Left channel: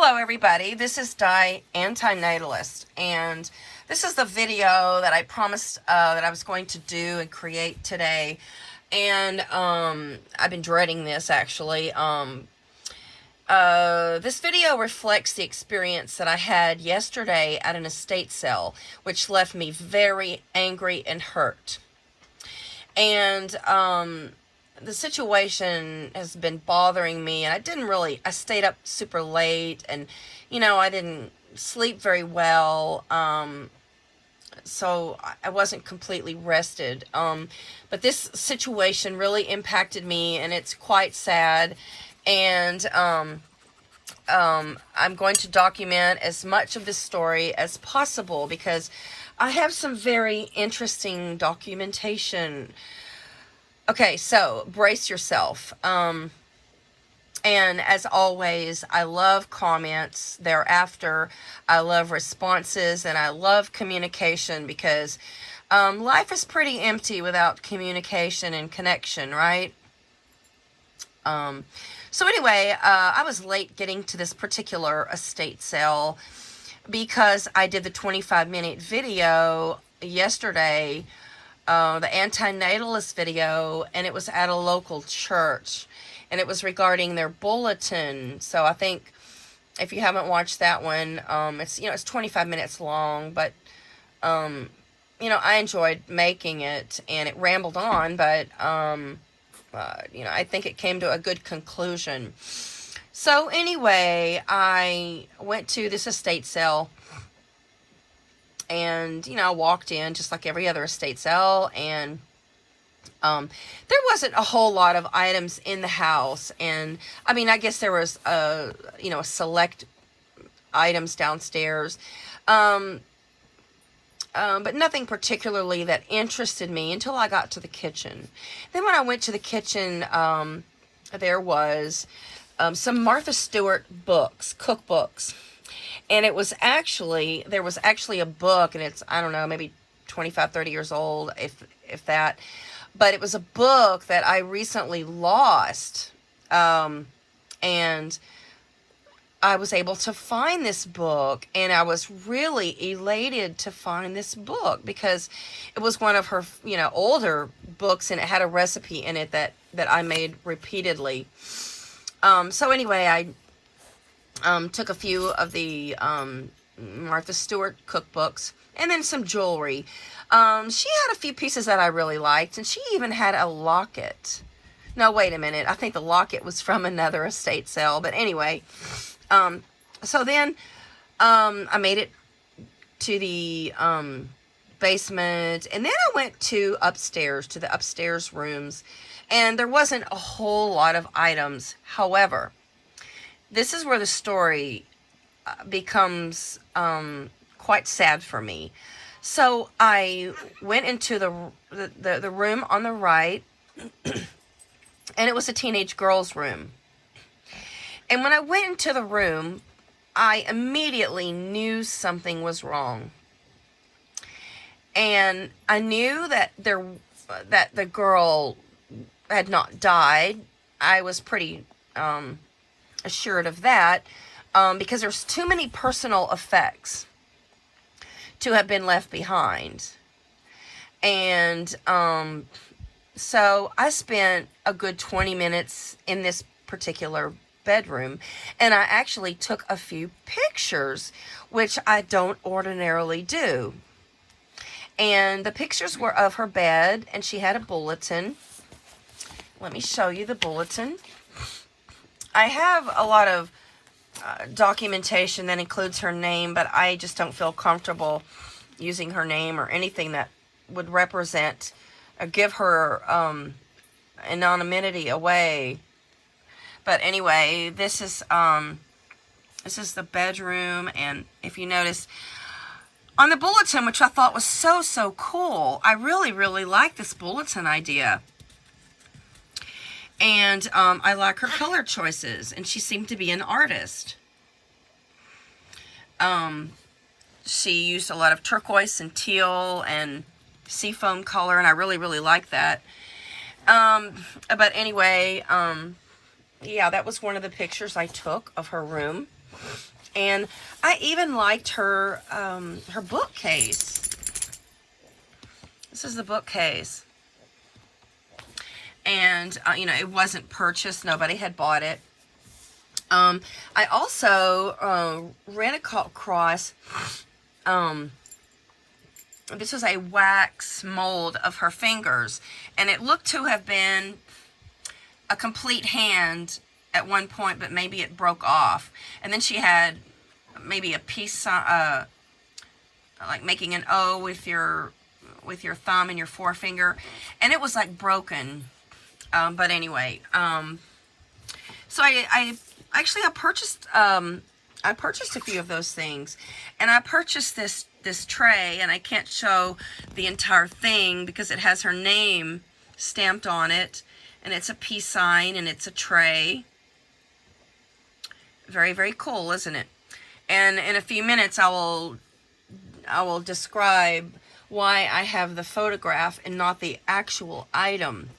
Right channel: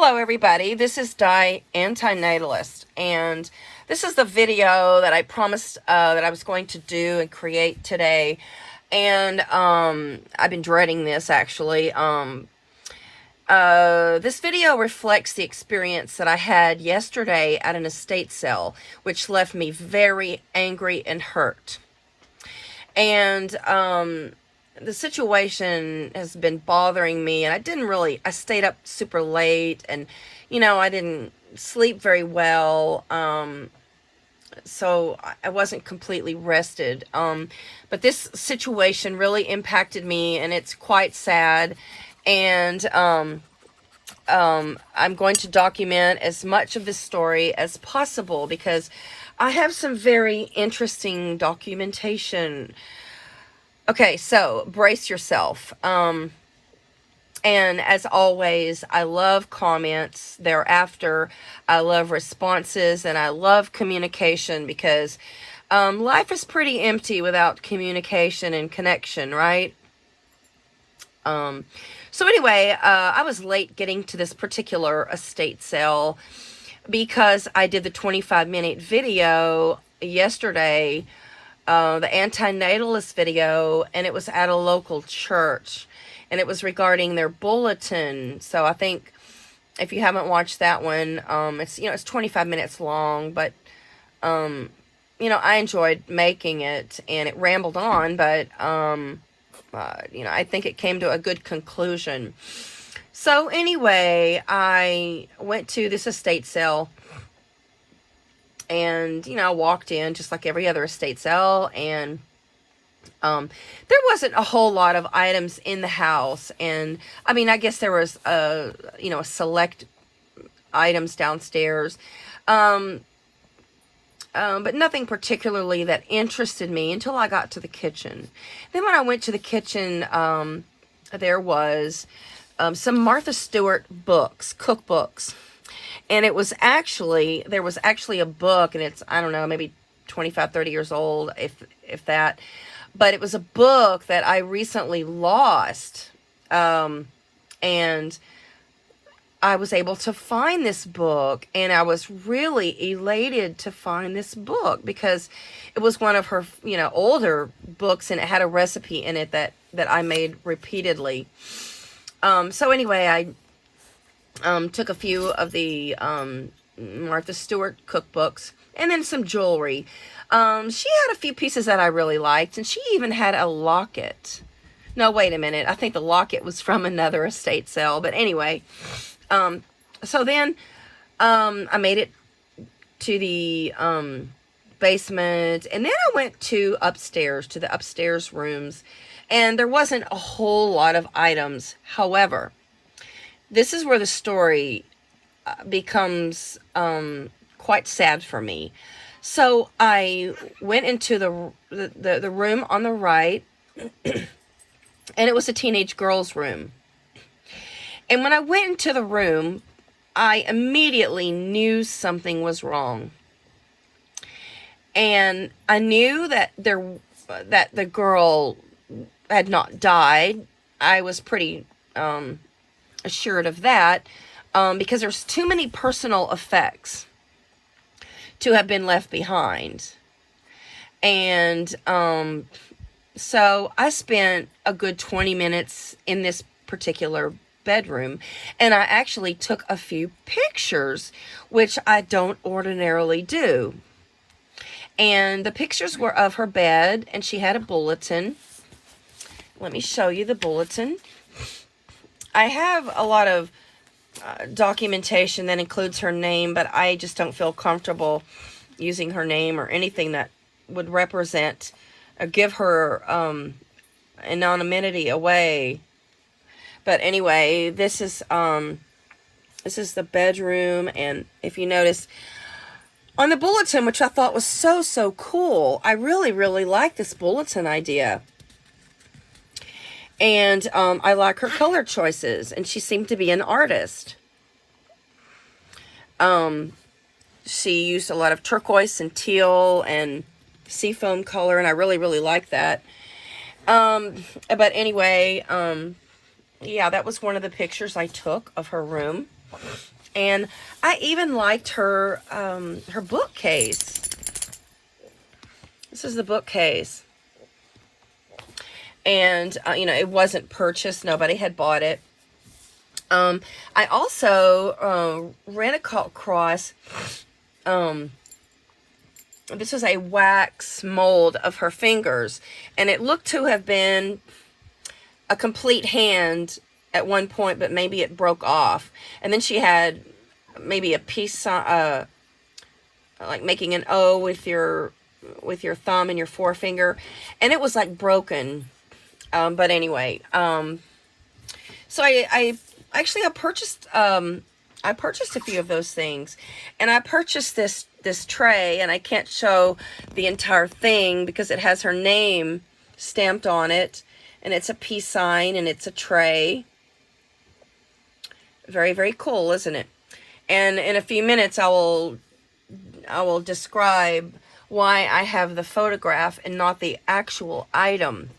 Hello everybody, this is diANe, and this is the video that I promised that I was going to do and create today, and I've been dreading this actually. This video reflects the experience that I had yesterday at an estate sale, which left me very angry and hurt. And the situation has been bothering me, and I stayed up super late, and I didn't sleep very well, so I wasn't completely rested, but this situation really impacted me, and it's quite sad, and I'm going to document as much of this story as possible because I have some very interesting documentation. Okay, so brace yourself. And as always, I love comments thereafter. I love responses, and I love communication because life is pretty empty without communication and connection, right? So anyway, I was late getting to this particular estate sale because I did the 25-minute video yesterday, the antinatalist video, and it was at a local church, and it was regarding their bulletin. So I think if you haven't watched that one, it's 25 minutes long, but I enjoyed making it, and it rambled on, but I think it came to a good conclusion. So anyway, I went to this estate sale, and I walked in just like every other estate sale, and there wasn't a whole lot of items in the house, and I guess there was select items downstairs, but nothing particularly that interested me until I got to the kitchen. Then when I went to the kitchen, there was some Martha Stewart books, cookbooks. And there was actually a book, and it's, I don't know, maybe 25, 30 years old, if that. But it was a book that I recently lost. And I was able to find this book, and I was really elated to find this book because it was one of her, older books, and it had a recipe in it that I made repeatedly. So anyway, I took a few of the Martha Stewart cookbooks, and then some jewelry. She had a few pieces that I really liked, and she even had a locket. No, wait a minute. I think the locket was from another estate sale. But anyway, so then I made it to the basement, and then I went to the upstairs rooms, and there wasn't a whole lot of items. However, this is where the story becomes quite sad for me. So I went into the room on the right, and it was a teenage girl's room. And when I went into the room, I immediately knew something was wrong. And I knew that the girl had not died. I was pretty assured of that, because there's too many personal effects to have been left behind. And so I spent a good 20 minutes in this particular bedroom, and I actually took a few pictures, which I don't ordinarily do. And the pictures were of her bed, and she had a bulletin. Let me show you the bulletin. I have a lot of documentation that includes her name, but I just don't feel comfortable using her name or anything that would represent or give her anonymity away. But anyway, this is the bedroom, and if you notice on the bulletin, which I thought was so cool, I really like this bulletin idea. And I like her color choices, and she seemed to be an artist. She used a lot of turquoise and teal and seafoam color, and I really like that. But anyway, yeah, that was one of the pictures I took of her room. And I even liked her her bookcase. This is the bookcase. And, you know, it wasn't purchased. Nobody had bought it. I also ran across, this was a wax mold of her fingers. And it looked to have been a complete hand at one point, but maybe it broke off. And then she had maybe a piece, like making an O with your thumb and your forefinger. And it was like broken. But anyway, so I purchased a few of those things, and I purchased this tray, and I can't show the entire thing because it has her name stamped on it, and it's a peace sign, and it's a tray. Very, very cool, isn't it? And in a few minutes, I will describe why I have the photograph and not the actual item.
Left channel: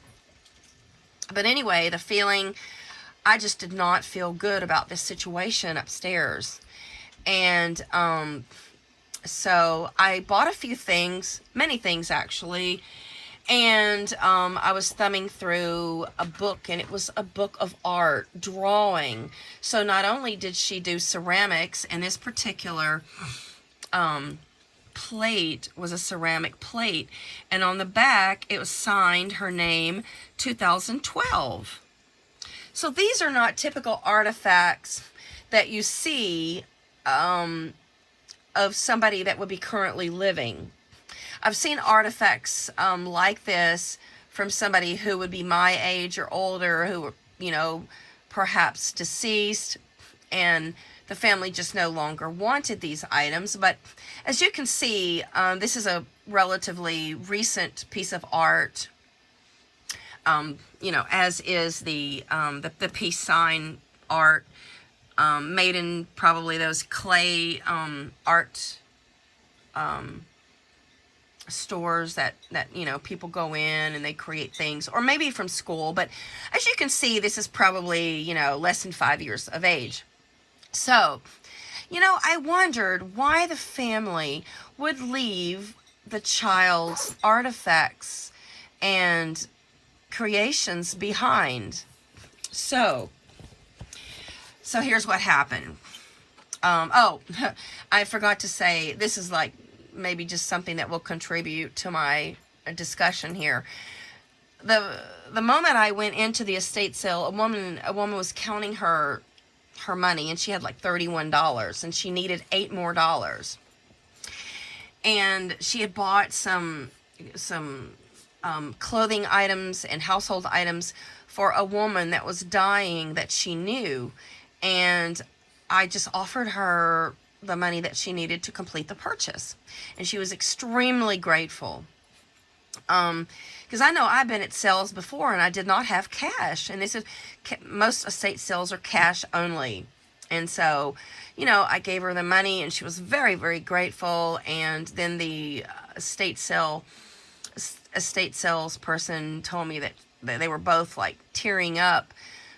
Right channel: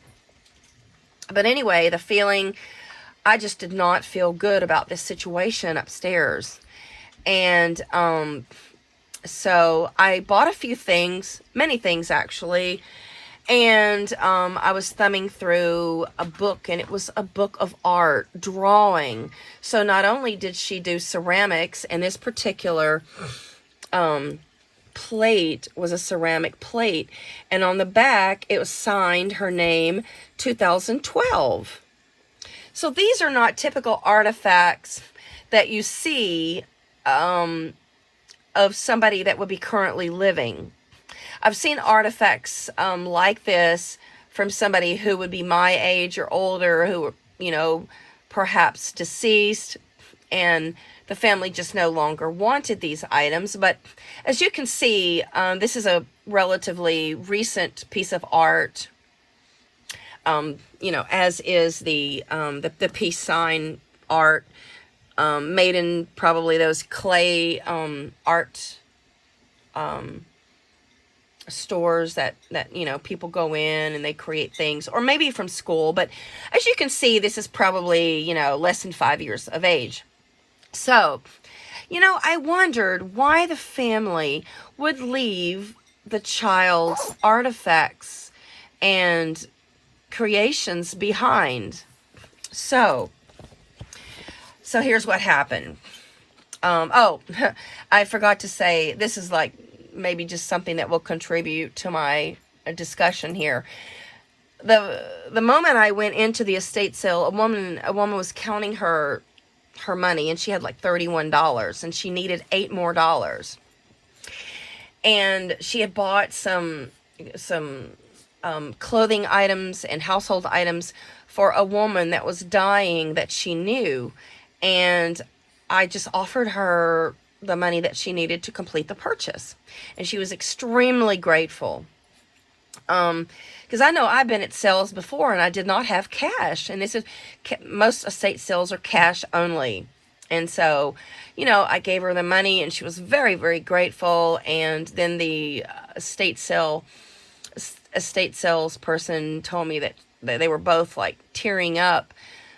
But anyway, the feeling, I just did not feel good about this situation upstairs. And so I bought a few things, many things actually. And I was thumbing through a book, and it was a book of art, drawing. So not only did she do ceramics, and this particular plate was a ceramic plate, and on the back it was signed her name 2012. So these are not typical artifacts that you see of somebody that would be currently living. I've seen artifacts like this from somebody who would be my age or older, who were, you know, perhaps deceased, and the family just no longer wanted these items. But as you can see, this is a relatively recent piece of art, you know, as is the peace sign art, made in probably those clay art stores that you know, people go in and they create things, or maybe from school. But as you can see, this is probably, you know, less than 5 years of age. So, you know, I wondered why the family would leave the child's artifacts and creations behind. So here's what happened. Oh, I forgot to say, this is like maybe just something that will contribute to my discussion here. The moment I went into the estate sale, a woman was counting her money, and she had like $31, and she needed $8 more. And she had bought some clothing items and household items for a woman that was dying that she knew, and I just offered her the money that she needed to complete the purchase, and she was extremely grateful. Because I know I've been at sales before and I did not have cash, and this is, most estate sales are cash only. And so, you know, I gave her the money, and she was very, very grateful. And then the estate sales person told me that they were both like tearing up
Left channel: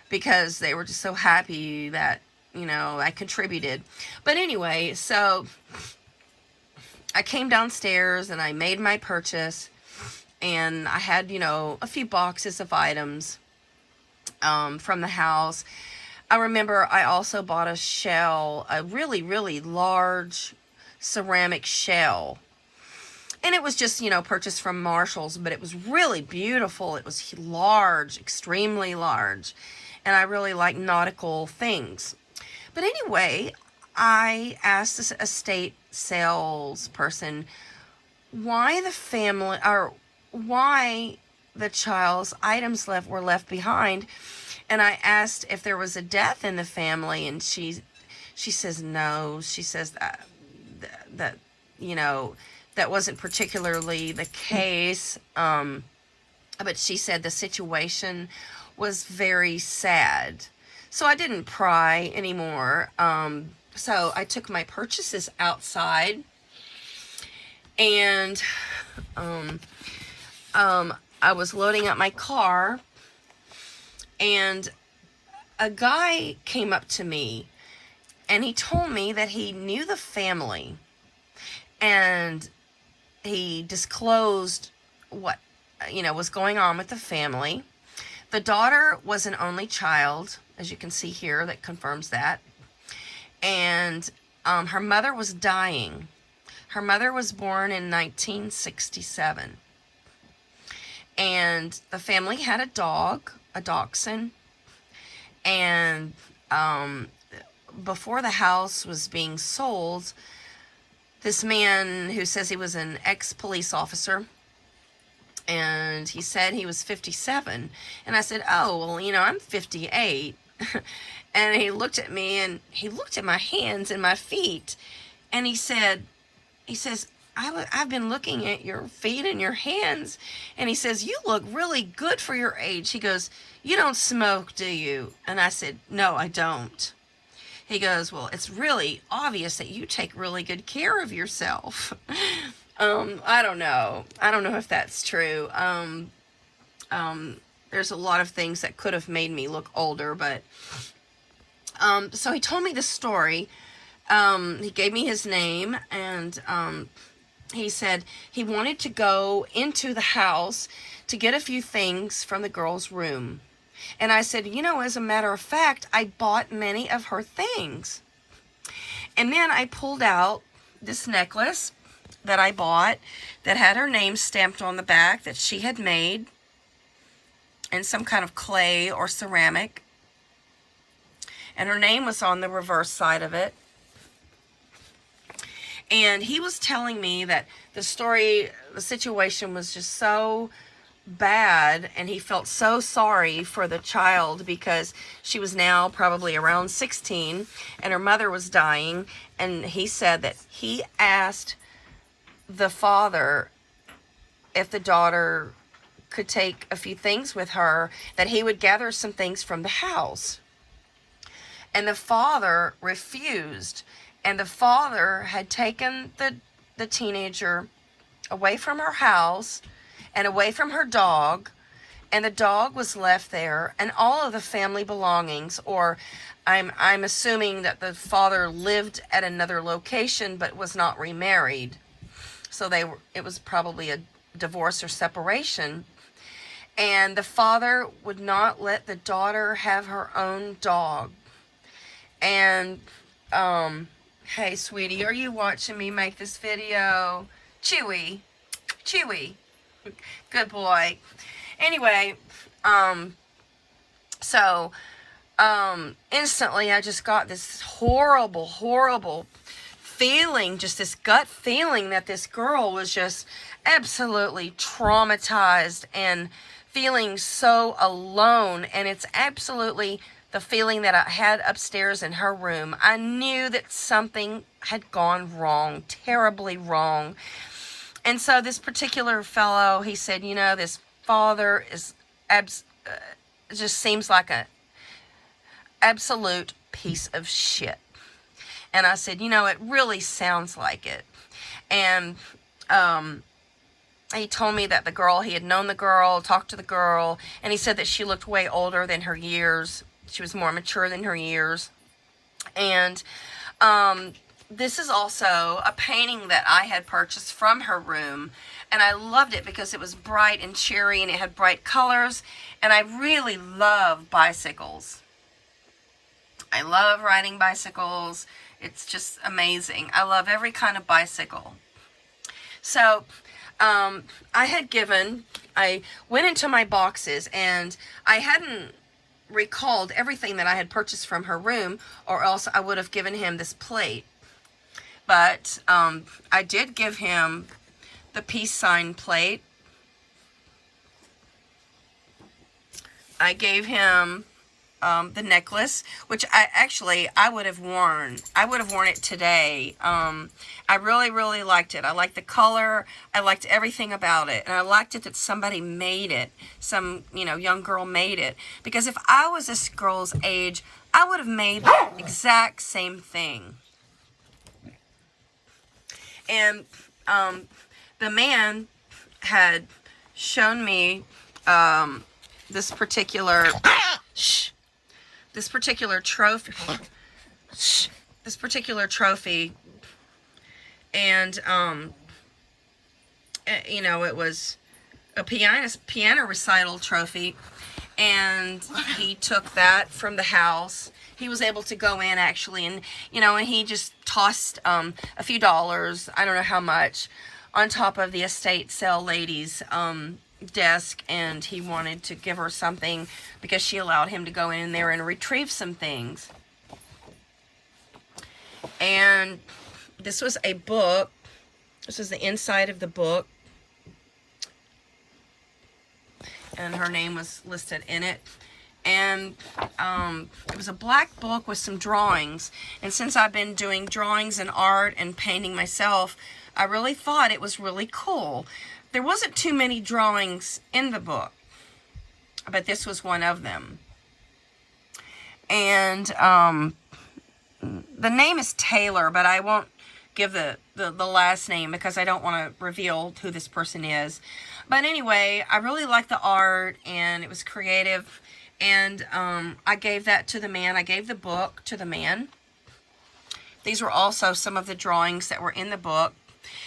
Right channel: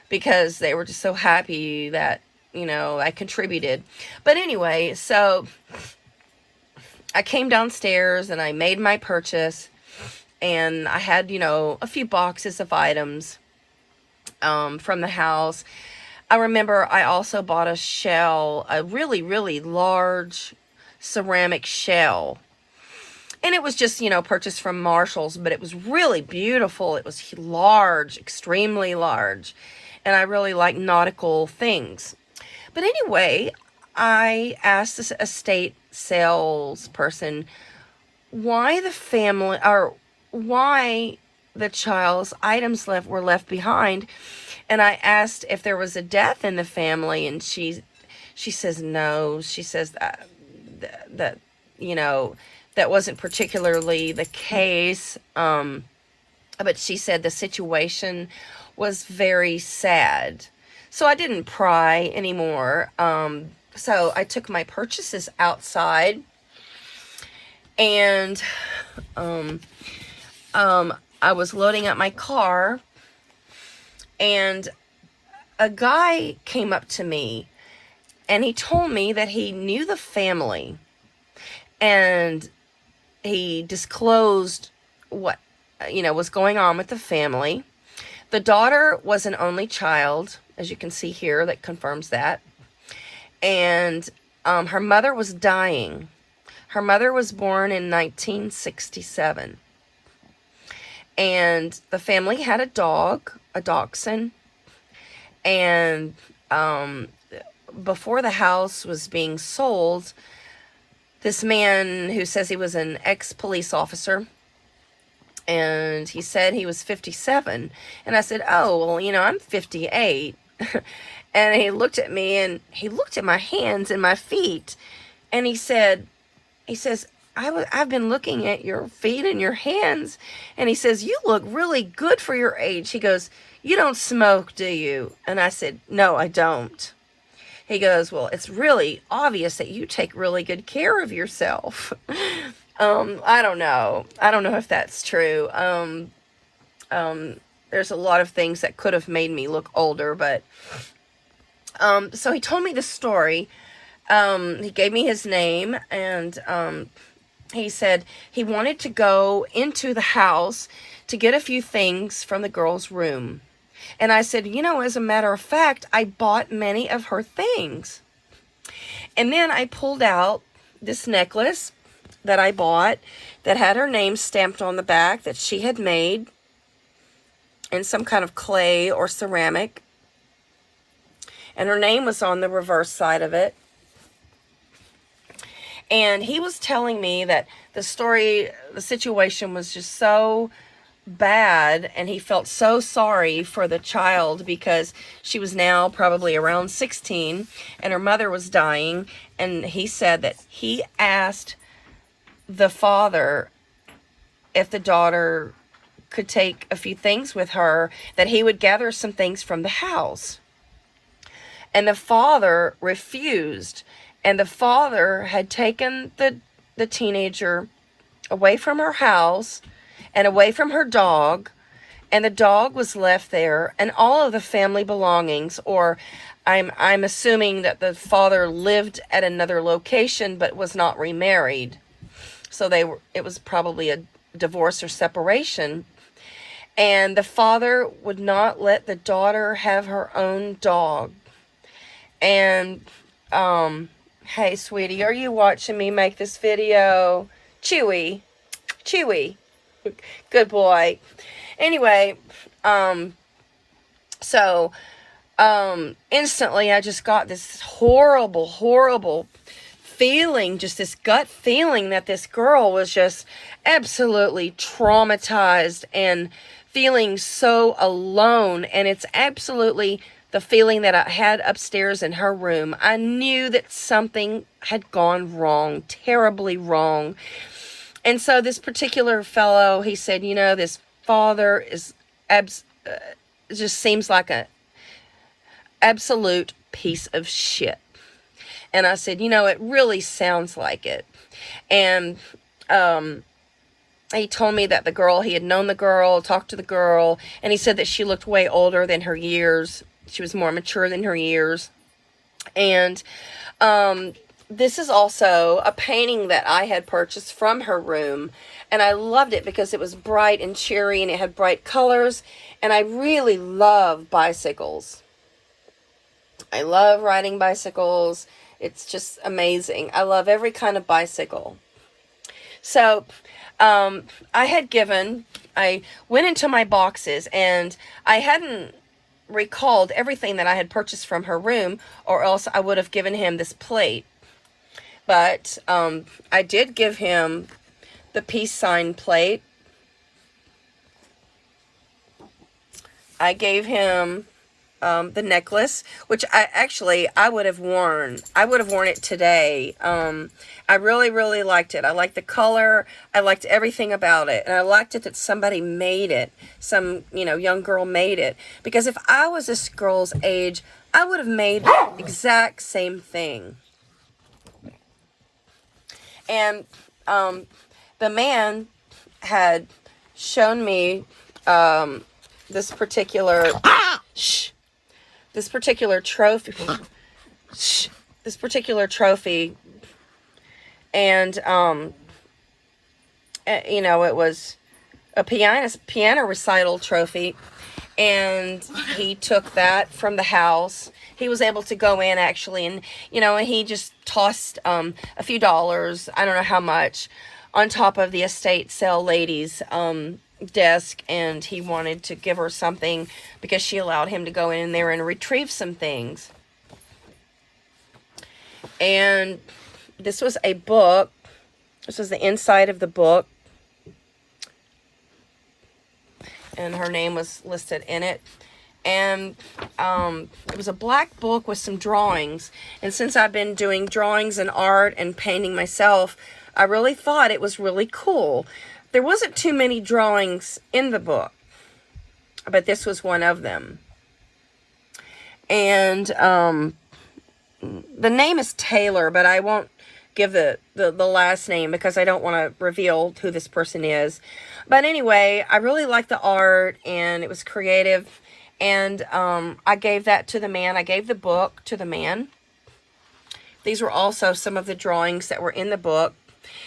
because they were just so happy that, you know, I contributed. But anyway, so I came downstairs and I made my purchase, and I had, you know, a few boxes of items from the house. I remember I also bought a shell, a really, really large ceramic shell. And it was just, you know, purchased from Marshall's, but it was really beautiful. It was large, extremely large. And I really like nautical things. But anyway, I asked this estate salesperson why the family, or why the child's items were left behind. And I asked if there was a death in the family, and she says no. She says that you know, that wasn't particularly the case. But she said the situation was very sad. So I didn't pry anymore. So I took my purchases outside, and I was loading up my car, and a guy came up to me, And he told me that he knew the family, and he disclosed what, was going on with the family. The daughter was an only child, as you can see here, that confirms that. And her mother was dying. Her mother was born in 1967. And the family had a dog, a dachshund. And before the house was being sold, this man who says he was an ex-police officer, and he said he was 57. And I said, oh, well, I'm 58. And he looked at me, and he looked at my hands and my feet, and he says, I've been looking at your feet and your hands. And he says, you look really good for your age. He goes, you don't smoke, do you? And I said, no, I don't. He goes, well, it's really obvious that you take really good care of yourself. I don't know. I don't know if that's true. There's a lot of things that could have made me look older, but, so he told me the story. He gave me his name, and, he said he wanted to go into the house to get a few things from the girl's room. And I said, as a matter of fact, I bought many of her things. And then I pulled out this necklace that I bought that had her name stamped on the back, that she had made in some kind of clay or ceramic. And her name was on the reverse side of it. And he was telling me that the situation was just so bad, and he felt so sorry for the child because she was now probably around 16 and her mother was dying. And he said that he asked the father if the daughter could take a few things with her, that he would gather some things from the house. And the father refused. And the father had taken the teenager away from her house and away from her dog, and the dog was left there, and all of the family belongings, or I'm assuming that the father lived at another location but was not remarried. So it was probably a divorce or separation. And the father would not let the daughter have her own dog. And hey, sweetie, are you watching me make this video? Chewy. Good boy. Anyway, so instantly I just got this horrible feeling, just this gut feeling that this girl was just absolutely traumatized and feeling so alone. And it's absolutely the feeling that I had upstairs in her room. I knew that something had gone wrong, terribly wrong. And so this particular fellow, he said, this father is just seems like a absolute piece of shit. And I said, it really sounds like it. And he told me that he had known the girl, talked to the girl, and he said that she looked way older than her years. She was more mature than her years. And this is also a painting that I had purchased from her room. And I loved it because it was bright and cheery, and it had bright colors. And I really love bicycles. I love riding bicycles. It's just amazing. I love every kind of bicycle. So I went into my boxes, and I hadn't recalled everything that I had purchased from her room, or else I would have given him this plate. But I did give him the peace sign plate. I gave him the necklace, which I would have worn. I would have worn it today. I really liked it. I liked the color. I liked everything about it. And I liked it that somebody made it. Some, young girl made it. Because if I was this girl's age, I would have made the exact same thing. And the man had shown me this particular trophy. this particular trophy, and you know, it was a piano recital trophy, and he took that from the house. He was able to go in actually, and you know, and he just tossed a few dollars, I don't know how much, on top of the estate sale lady's desk, and he wanted to give her something because she allowed him to go in there and retrieve some things. And this was a book. This was the inside of the book, and her name was listed in it. And it was a black book with some drawings, and since I've been doing drawings and art and painting myself, I really thought it was really cool. There wasn't too many drawings in the book, but this was one of them. And the name is Taylor, but I won't give the last name because I don't want to reveal who this person is. But anyway, I really liked the art, and it was creative. And I gave that to the man. I gave the book to the man. These were also some of the drawings that were in the book.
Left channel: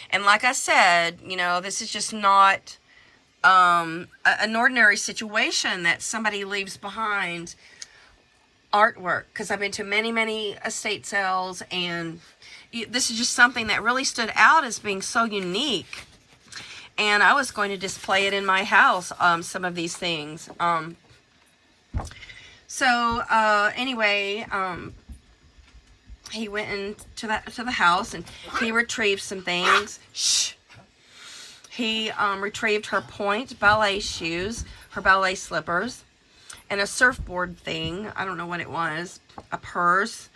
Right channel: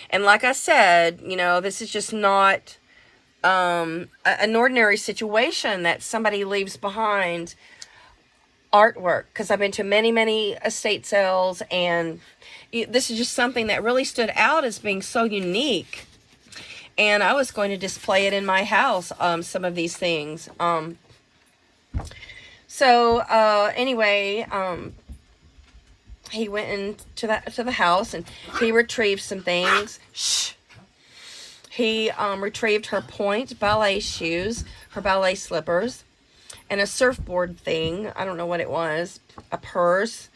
And like I said, you know, this is just not an ordinary situation that somebody leaves behind artwork, because I've been to many, many estate sales, and this is just something that really stood out as being so unique. And I was going to display it in my house, some of these things. So anyway, he went into the house, and he retrieved some things. He retrieved her point ballet shoes, her ballet slippers, and a surfboard thing. I don't know what it was. A purse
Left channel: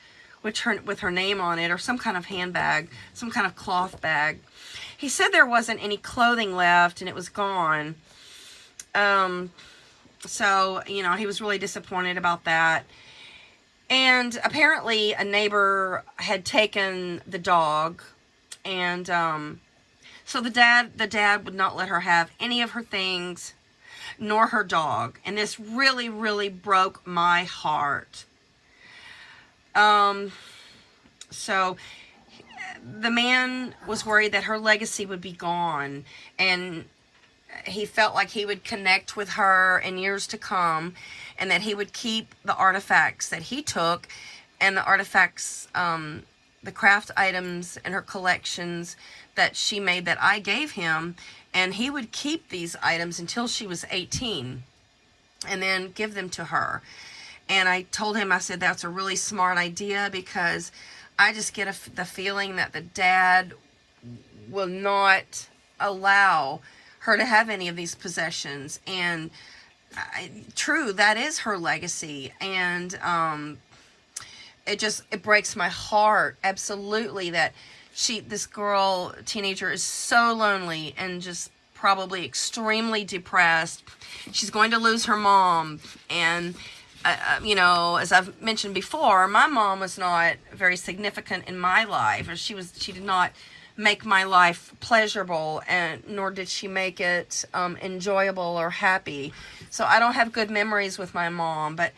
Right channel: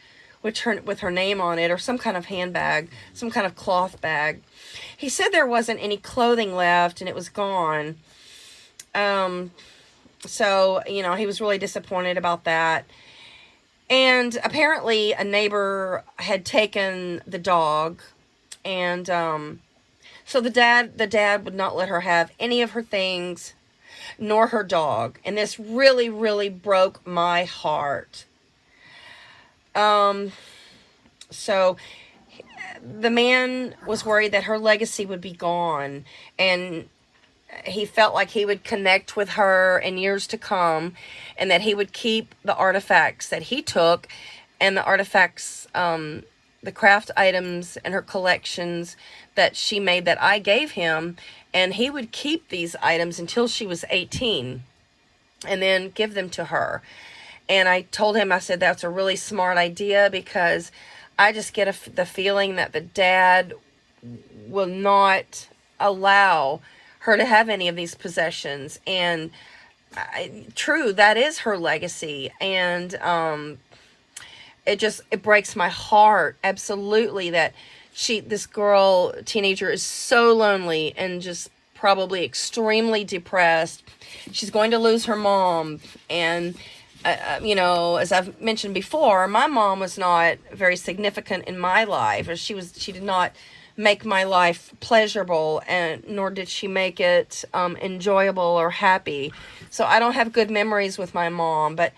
with her name on it, or some kind of handbag, some kind of cloth bag. He said there wasn't any clothing left, and it was gone. So, you know, he was really disappointed about that. And apparently a neighbor had taken the dog, and so the dad would not let her have any of her things, nor her dog. And this really, really broke my heart. So the man was worried that her legacy would be gone, and he felt like he would connect with her in years to come, and that he would keep the artifacts that he took, and the artifacts, the craft items and her collections that she made that I gave him, and he would keep these items until she was 18 and then give them to her. And I told him, I said, that's a really smart idea, because I just get the feeling that the dad will not allow her to have any of these possessions. And true, that is her legacy. And it breaks my heart, absolutely, that this girl, teenager, is so lonely and just probably extremely depressed. She's going to lose her mom. And you know, as I've mentioned before, my mom was not very significant in my life. She did not make my life pleasurable, and nor did she make it enjoyable or happy. So I don't have good memories with my mom, but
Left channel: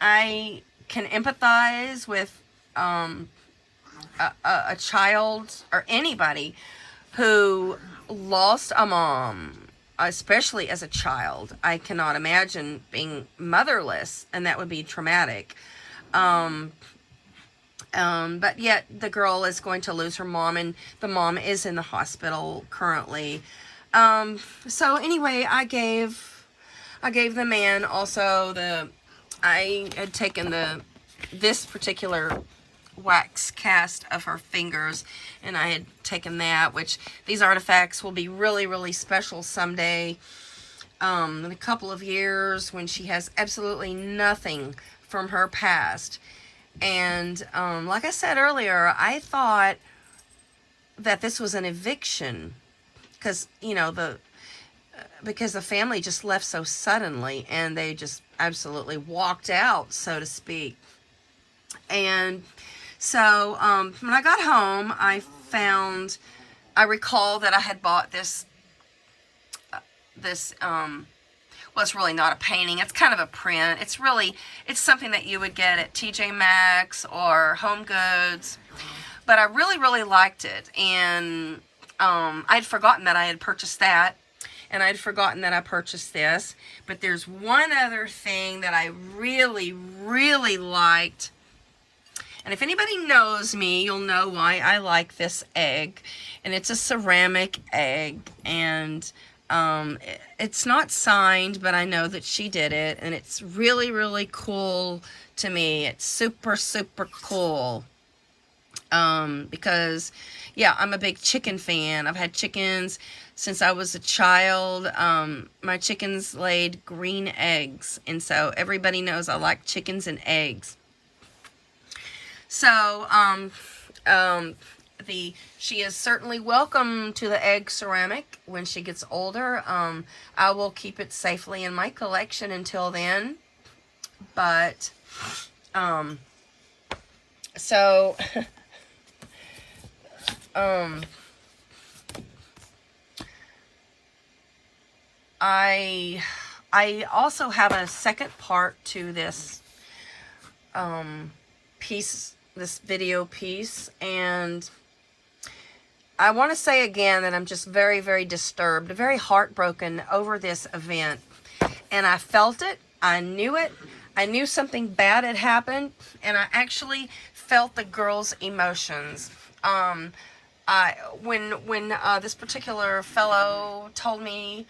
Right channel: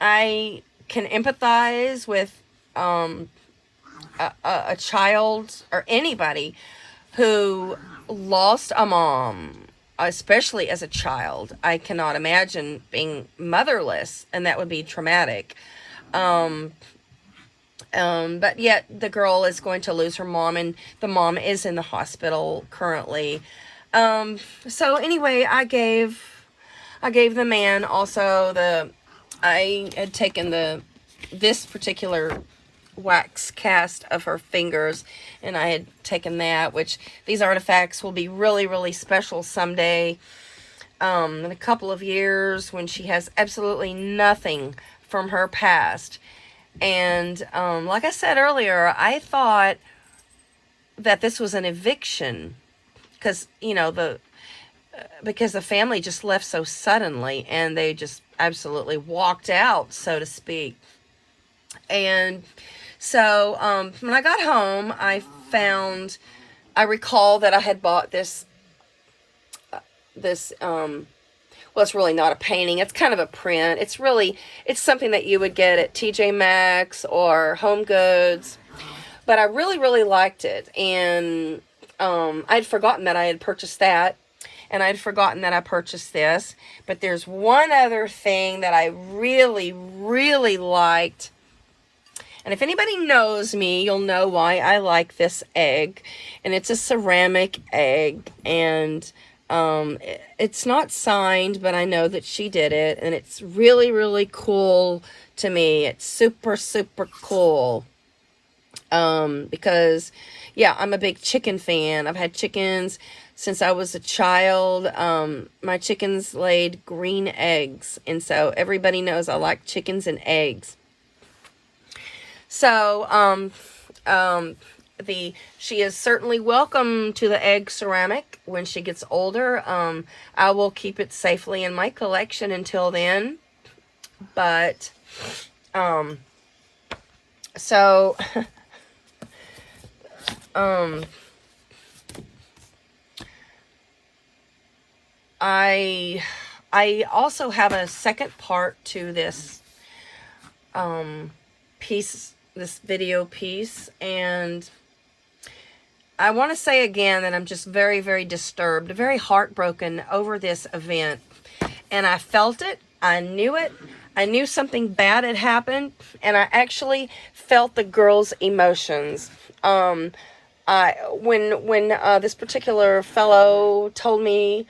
I can empathize with a child or anybody who lost a mom, especially as a child. I cannot imagine being motherless, and that would be traumatic. But yet the girl is going to lose her mom, and the mom is in the hospital currently. So anyway, I gave the man also I had taken this particular wax cast of her fingers, and I had taken that, which these artifacts will be really, really special someday, in a couple of years, when she has absolutely nothing from her past. And like I said earlier, I thought that this was an eviction, because you know because the family just left so suddenly, and they just absolutely walked out, so to speak. And so when I got home, I recall that I had bought this well, it's really not a painting. It's kind of a print. It's something that you would get at TJ Maxx or Home Goods. But I really, really liked it. And I'd forgotten that I had purchased that. And I'd forgotten that I purchased this. But there's one other thing that I really, really liked. And if anybody knows me, you'll know why I like this egg. And it's a ceramic egg. And it's not signed, but I know that she did it. And it's really, really cool to me. It's super, super cool. Because, yeah, I'm a big chicken fan. I've had chickens since I was a child. My chickens laid green eggs. And so everybody knows I like chickens and eggs. So, she is certainly welcome to the egg ceramic when she gets older. I will keep it safely in my collection until then. But, so, I also have a second part to this, this video piece, and I want to say again that I'm just very, very disturbed, very heartbroken over this event, and I felt it, I knew it, I knew something bad had happened, and I actually felt the girl's emotions. When this particular fellow told me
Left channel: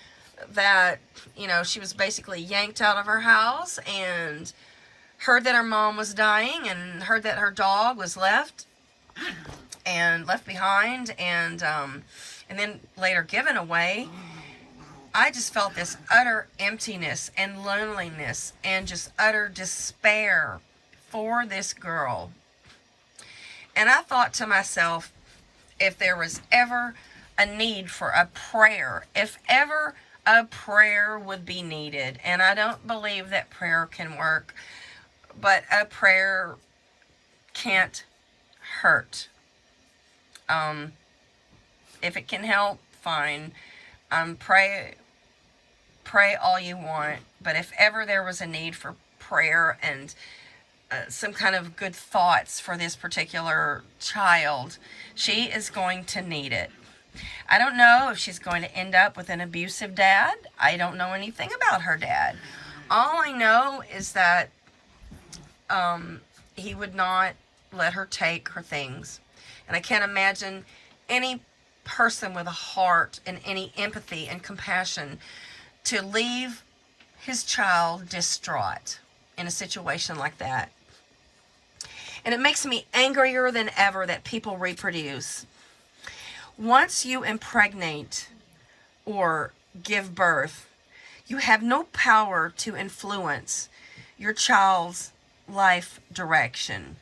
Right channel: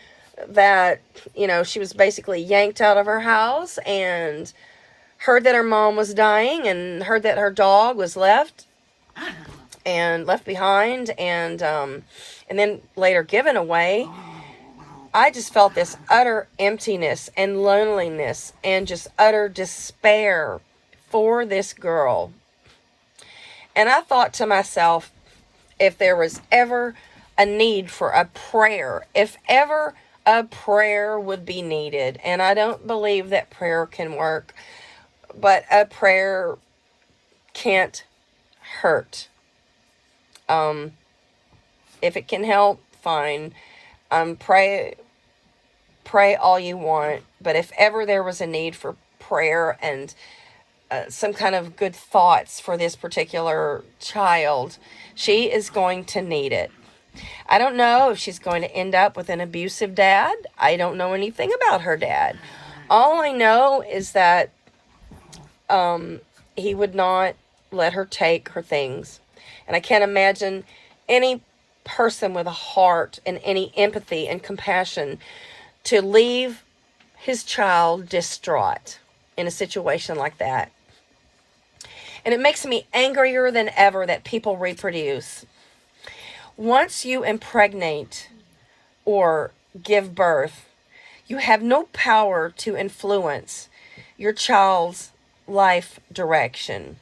that, you know, she was basically yanked out of her house and heard that her mom was dying and heard that her dog was left behind and then later given away, I just felt this utter emptiness and loneliness and just utter despair for this girl. And I thought to myself, if there was ever a need for a prayer, if ever a prayer would be needed, and I don't believe that prayer can work, but a prayer can't hurt. If it can help, fine. Pray all you want, but if ever there was a need for prayer and some kind of good thoughts for this particular child, she is going to need it. I don't know if she's going to end up with an abusive dad. I don't know anything about her dad. All I know is that he would not let her take her things. And I can't imagine any person with a heart and any empathy and compassion to leave his child distraught in a situation like that. And it makes me angrier than ever that people reproduce. Once you impregnate or give birth, you have no power to influence your child's life direction.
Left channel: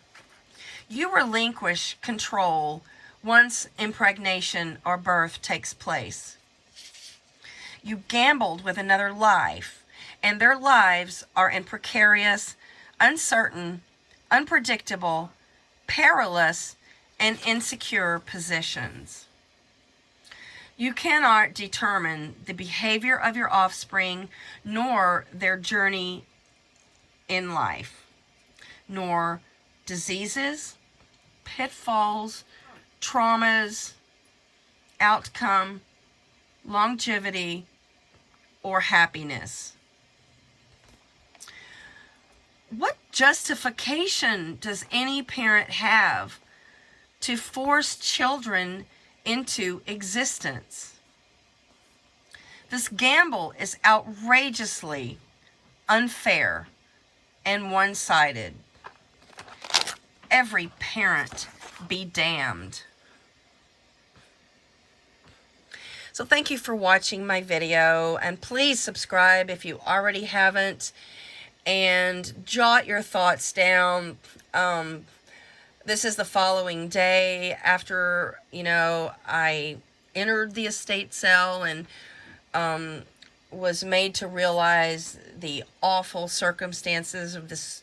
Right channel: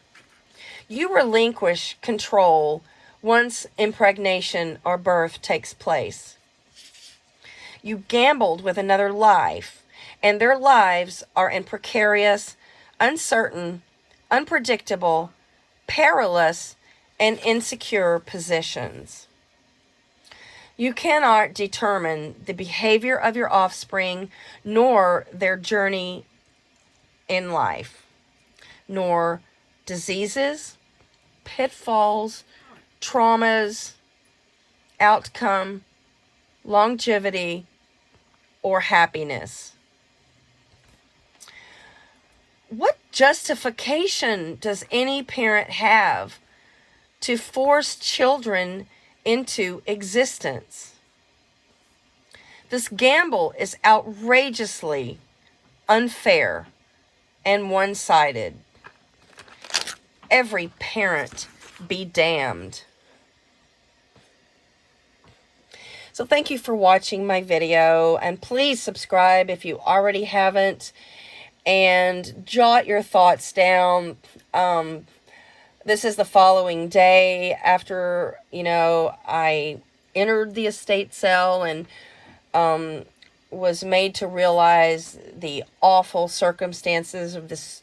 You relinquish control once impregnation or birth takes place. You gambled with another life, and their lives are in precarious, uncertain, unpredictable, perilous, and insecure positions. You cannot determine the behavior of your offspring, nor their journey in life, nor diseases, pitfalls, traumas, outcome, longevity, or happiness. What justification does any parent have to force children into existence? This gamble is outrageously unfair and one-sided. Every parent be damned. So thank you for watching my video, and please subscribe if you already haven't, and jot your thoughts down. This is the following day after, I entered the estate sale and was made to realize the awful circumstances of this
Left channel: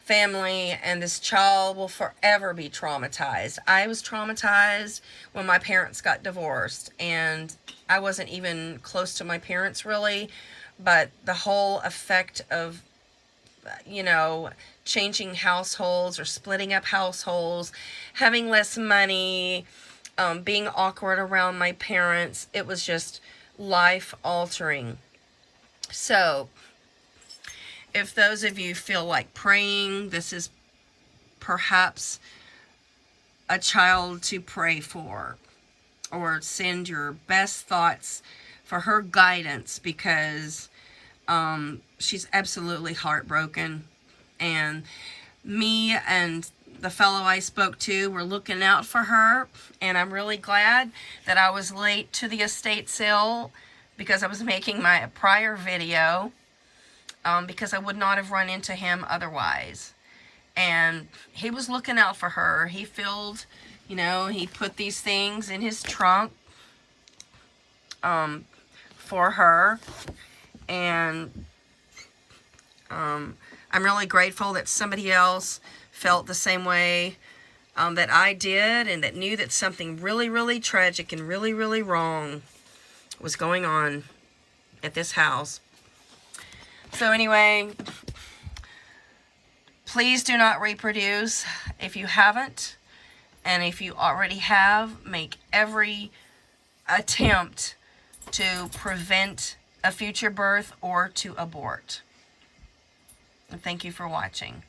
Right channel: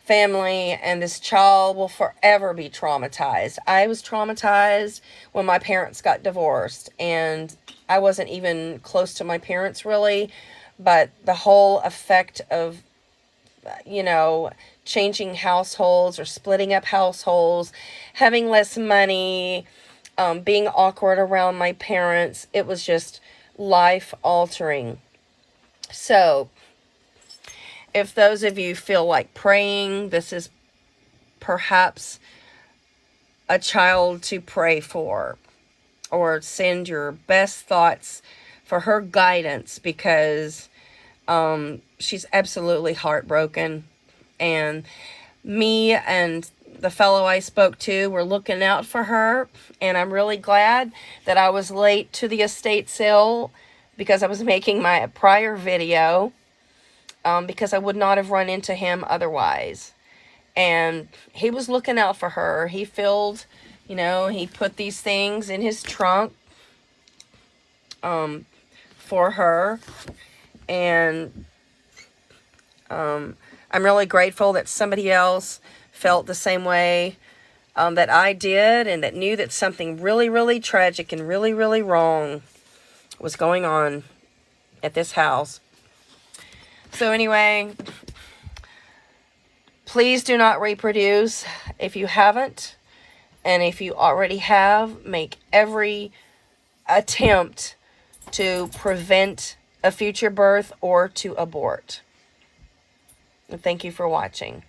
family, and this child will forever be traumatized. I was traumatized when my parents got divorced, and I wasn't even close to my parents really, but the whole effect of, you know, changing households or splitting up households, having less money, being awkward around my parents, it was just life altering. So, if those of you feel like praying, this is perhaps a child to pray for, or send your best thoughts for her guidance, because she's absolutely heartbroken. And me and the fellow I spoke to were looking out for her, and I'm really glad that I was late to the estate sale, because I was making my prior video, because I would not have run into him otherwise. And he was looking out for her. He filled, you know, he put these things in his trunk for her. And I'm really grateful that somebody else felt the same way that I did, and that knew that something really, really tragic and really, really wrong was going on at this house. So anyway, please do not reproduce if you haven't. And if you already have, make every attempt to prevent a future birth or to abort. And thank you for watching.